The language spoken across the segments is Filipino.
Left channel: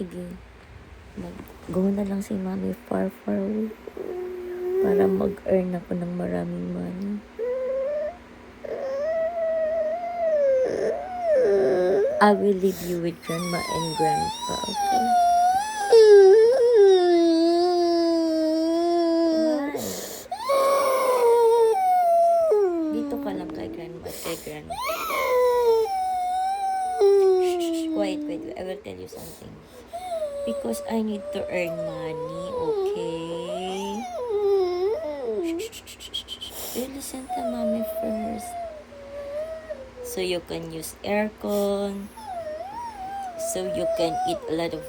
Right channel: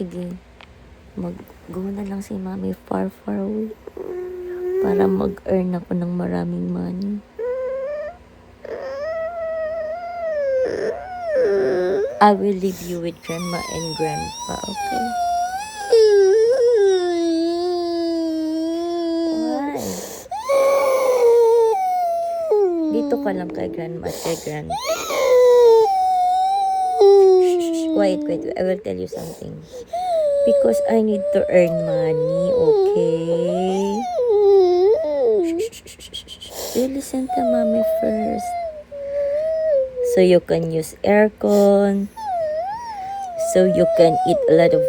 sige. Mag-go na lang si mami far away. Para mag-earn ako ng maraming money. I will leave you with grandma and grandpa, okay? Dito ka lang kay grandma at kay grandpa. Quiet. I will tell you something. Because I need to earn money, okay? You listen to mommy first. So you can use aircon. So you can eat a lot of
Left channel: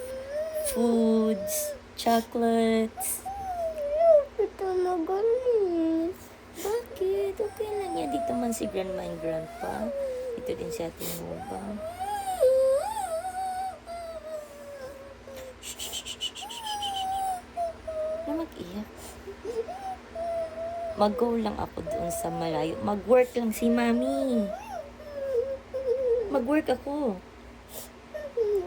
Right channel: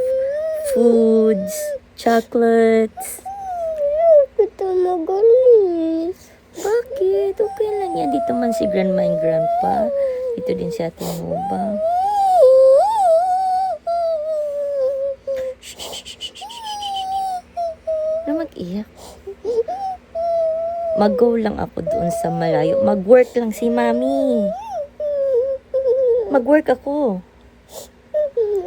foods, chocolates. Kita magalis. Bakit? Okay lang yan. Dito man si grandma and grandpa. Dito din si ate mo ba? Na mag-iyak. Mag-go lang ako doon sa malayo. Mag-work lang si mami. Mag-work ako.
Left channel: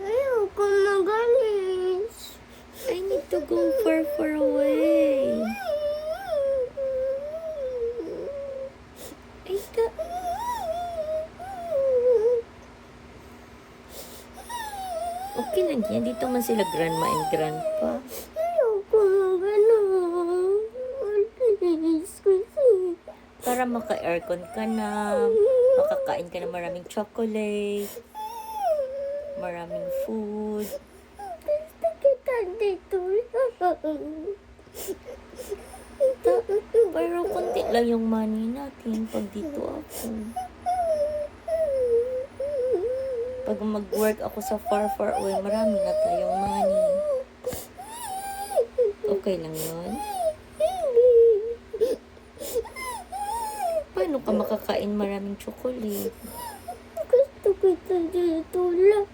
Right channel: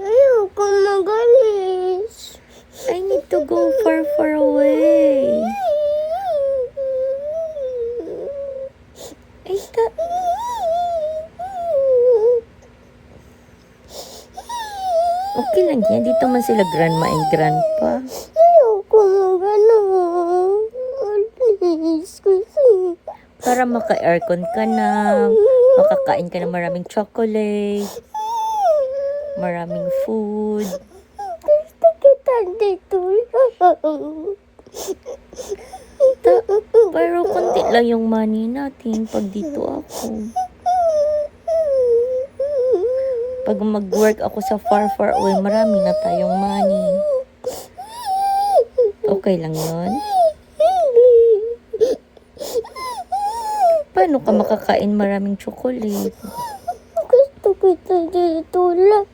Ayoko magalis. I need to go far away. Ay, okay lang yan. Dito man sila grandma and grandpa. Ayoko magalis. Please, kasi. Para maka-aircon ka na. Makakain ka ng maraming chocolate. Maraming food. Gusto kita dito lang. Pero konti lang yung money natin pag dito ako. Pag mag-work ako sa far away, marami na tayong money. Okay lang yon. Paano ka makakain maraming chocolate? Gusto kita dito lang.